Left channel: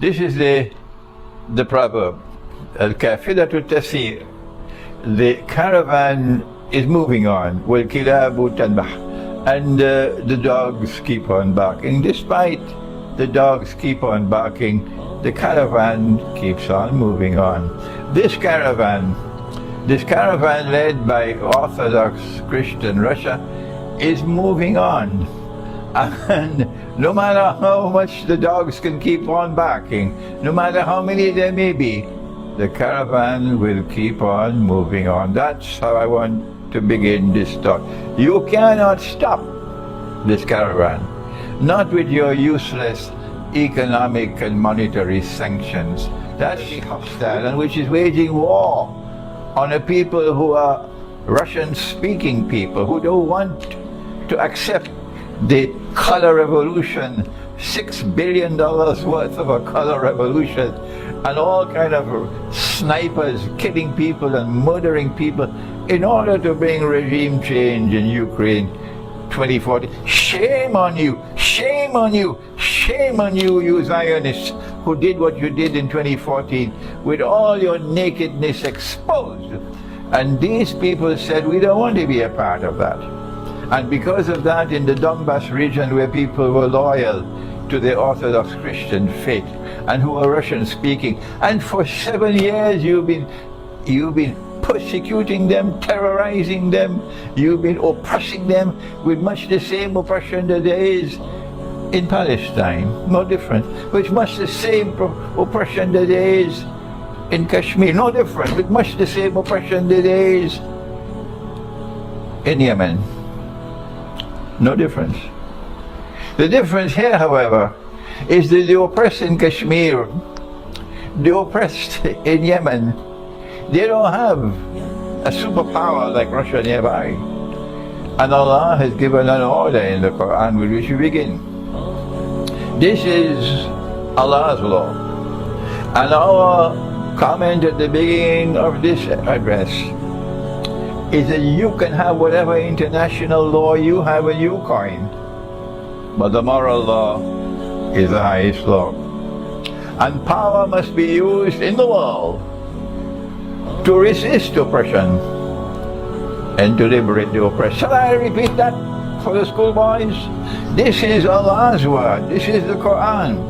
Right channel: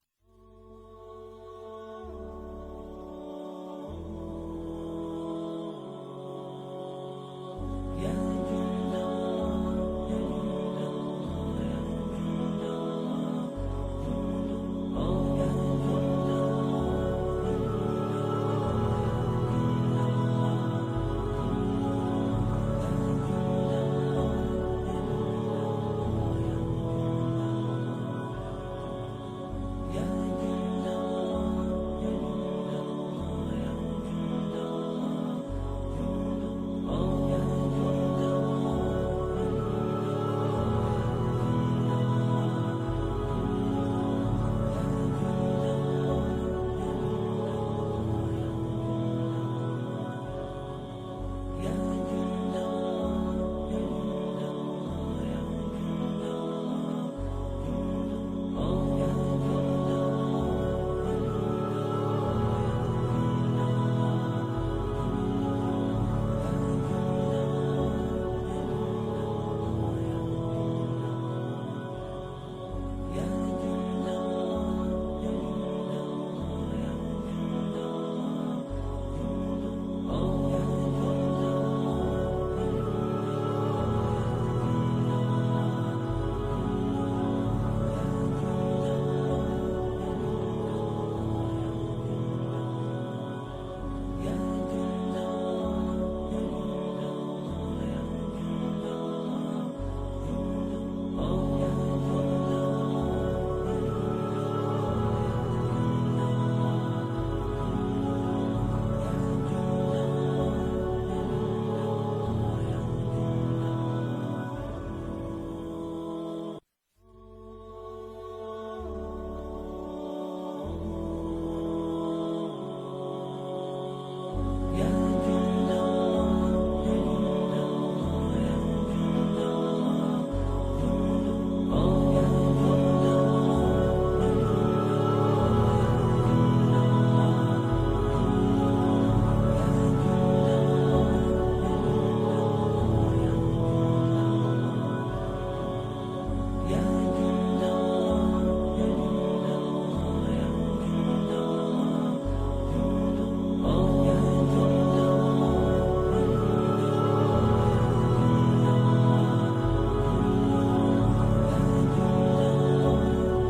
This is the proverb. الكافلة تسير. The caravan is moving on. والكلاب تنبح. And the dogs keep on barking. Despite the dogs keep on barking, the caravan keeps on moving on. This caravan led by Orthodox Christian Russia is moving on. And no matter how much the dogs can keep on barking, no matter how many there may be, the caravan will keep on moving on. That's how I want to begin this talk. You cannot stop this caravan, not with your useless economic and monetary sanctions. That's hostile and which is waging war on a people who are Russian-speaking people who don't want to accept the color revolution, $6 billion worth of a color revolution, and all kind of snipers killing people and murdering people in order to bring regime change in Ukraine 2040. Shame on you, shame on you, shame on you, you Zionists who did what you did in 2014 with all your nakedness exposed. And these people said, we don't want to be a part of that. And because of that, in the Donbas region where people were loyal to the Orthodox Christian faith and who were Russian speaking, and for 7 years you've been persecuting them, terrorizing them, you've been oppressing them with much the same oppression that there is in Palestine, no different, with much the same oppression that there is in Kashmir, no different, with much the same oppression that there is in Yemen. No difference. The difference here, however, is that the oppressed in Kashmir, the oppressed in Yemen, they don't have a superpower like Russia nearby. And Allah has given an order in the Quran with which we begin. This is Allah's law. And our comment at the beginning of this address is that you can have whatever international law you have and you coin, but the moral law is the highest law. And power must be used in the world to resist oppression and to liberate the oppressed. Shall I repeat that for the schoolboys? This is Allah's word. This is the Quran.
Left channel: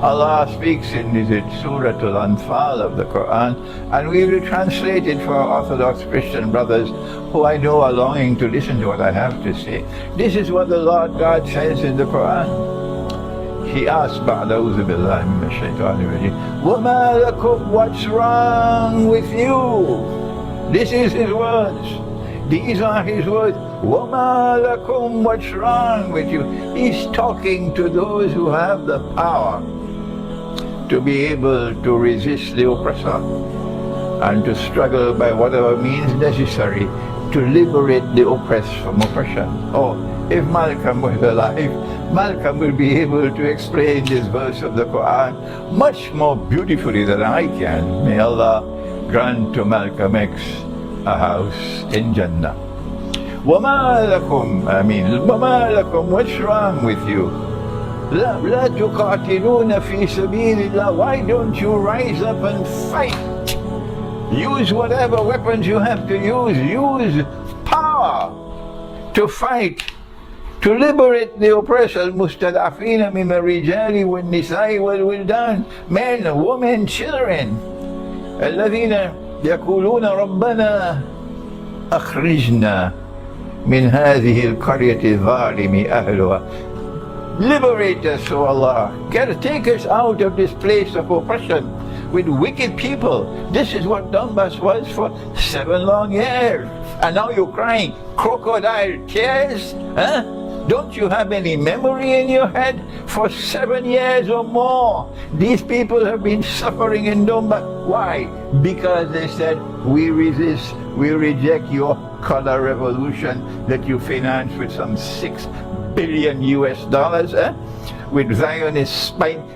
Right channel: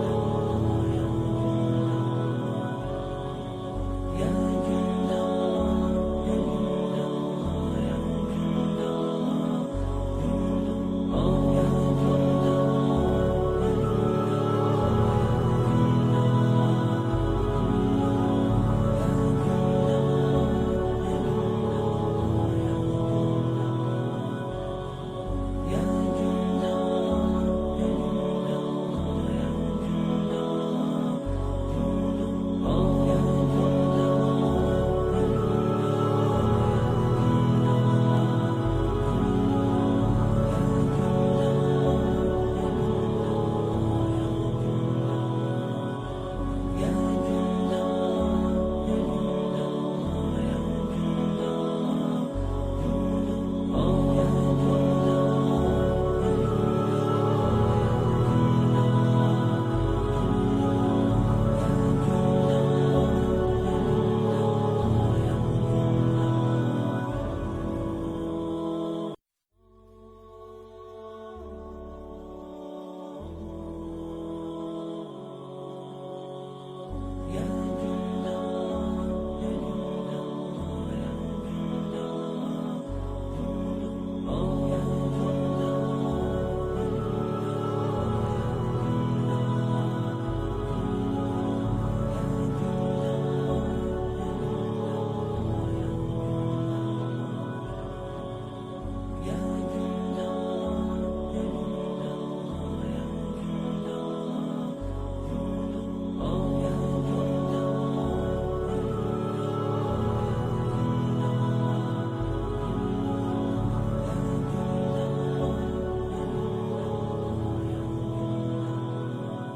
Allah speaks in Surah Al-Anfal of the Quran, and we will translate it for our Orthodox Christian brothers who I know are longing to listen to what I have to say. This is what the Lord God says in the Quran. He asks, وَمَا لَكُمْ, what's wrong with you? This is his words. These are his words. وَمَا لَكُمْ, what's wrong with you? He's talking to those who have the power to be able to resist the oppressor and to struggle by whatever means necessary to liberate the oppressed from oppression. Oh, if Malcolm was alive, Malcolm will be able to explain this verse of the Quran much more beautifully than I can. May Allah grant to Malcolm X a house in Jannah. وَمَا لَكُمْ, وَمَا لَكُمْ, what's wrong with you? لَا تُقَاتِلُونَ فِي سَبِيلِ اللَّهِ, why don't you rise up and fight? Use whatever weapons you have to use. Use power to fight, to liberate the oppressed. الْمُسْتَضْعَفِينَ مِنَ الرِّجَالِ وَالنِّسَاءِ وَالْوِلْدَانِ, men, women, children. الَّذِينَ يَقُولُونَ رَبَّنَا أَخْرِجْنَا مِنْ هَذِهِ الْقَرْيَةِ الظَّالِمِ أَهْلُهَا. Liberate us, O Allah. Take us out of this place of oppression with wicked people. This is what Donbas was for 7 long years. And now you're crying crocodile tears? Huh? Don't you have any memory in your head? For 7 years or more, these people have been suffering in Donbas. Why? Because they said, we resist, we reject your color revolution that you finance with some $6 billion with Zionist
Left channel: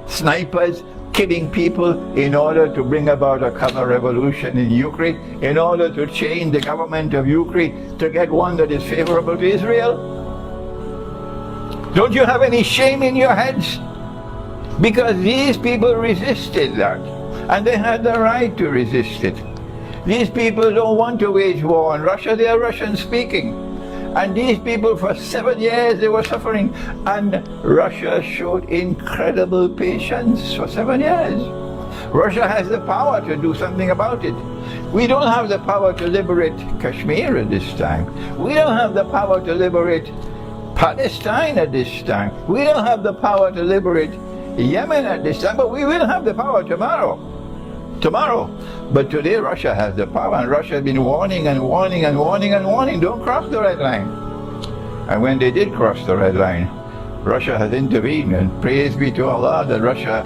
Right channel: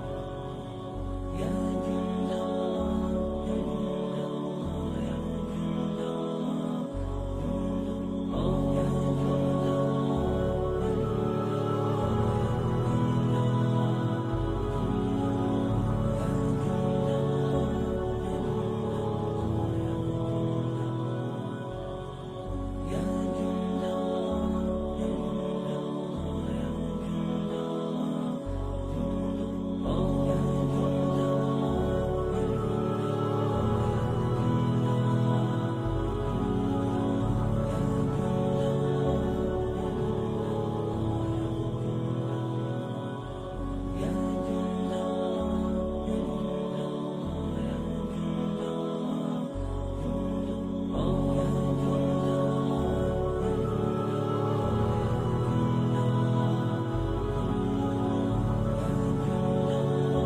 snipers killing people in order to bring about a color revolution in Ukraine, in order to change the government of Ukraine to get one that is favorable to Israel. Don't you have any shame in your heads? Because these people resisted that, and they had the right to resist it. These people don't want to wage war on Russia, they are Russian speaking. And these people for 7 years they were suffering, and Russia showed incredible patience for 7 years. Russia has the power to do something about it. We don't have the power to liberate Kashmir at this time. We don't have the power to liberate Palestine at this time. We don't have the power to liberate Yemen at this time, but we will have the power tomorrow. But today Russia has the power, and Russia has been warning and warning and warning and warning, don't cross the red line. And when they did cross the red line, Russia has intervened, and praise be to Allah that Russia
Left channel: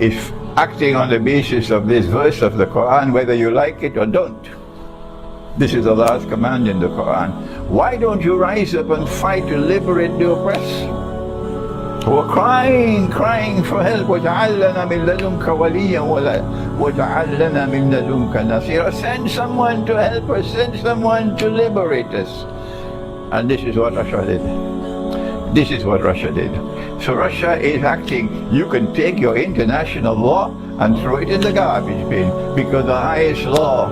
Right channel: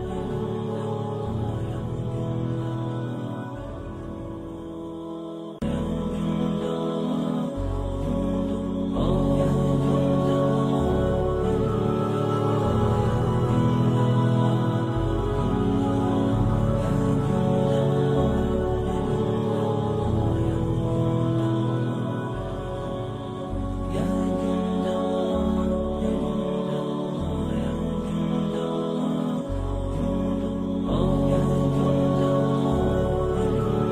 is acting on the basis of this verse of the Quran, whether you like it or don't. This is Allah's command in the Quran. Why don't you rise up and fight to liberate the oppressed? Who are crying for help. وَجَعَلْ لَنَا مِن لَدُنْكَ وَلِيًّا وَجَعَلْ لَنَا مِن لَدُنْكَ نَصِيرًا. Send someone to help us, send someone to liberate us. And this is what Russia did. This is what Russia did. So Russia is acting. You can take your international law and throw it in the garbage bin, because the highest law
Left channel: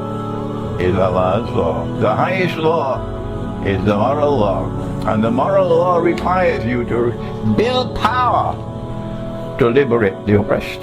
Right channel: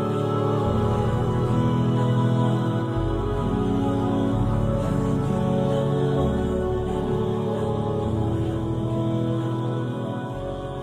is Allah's law. The highest law is the moral law. And the moral law requires you to build power to liberate the oppressed.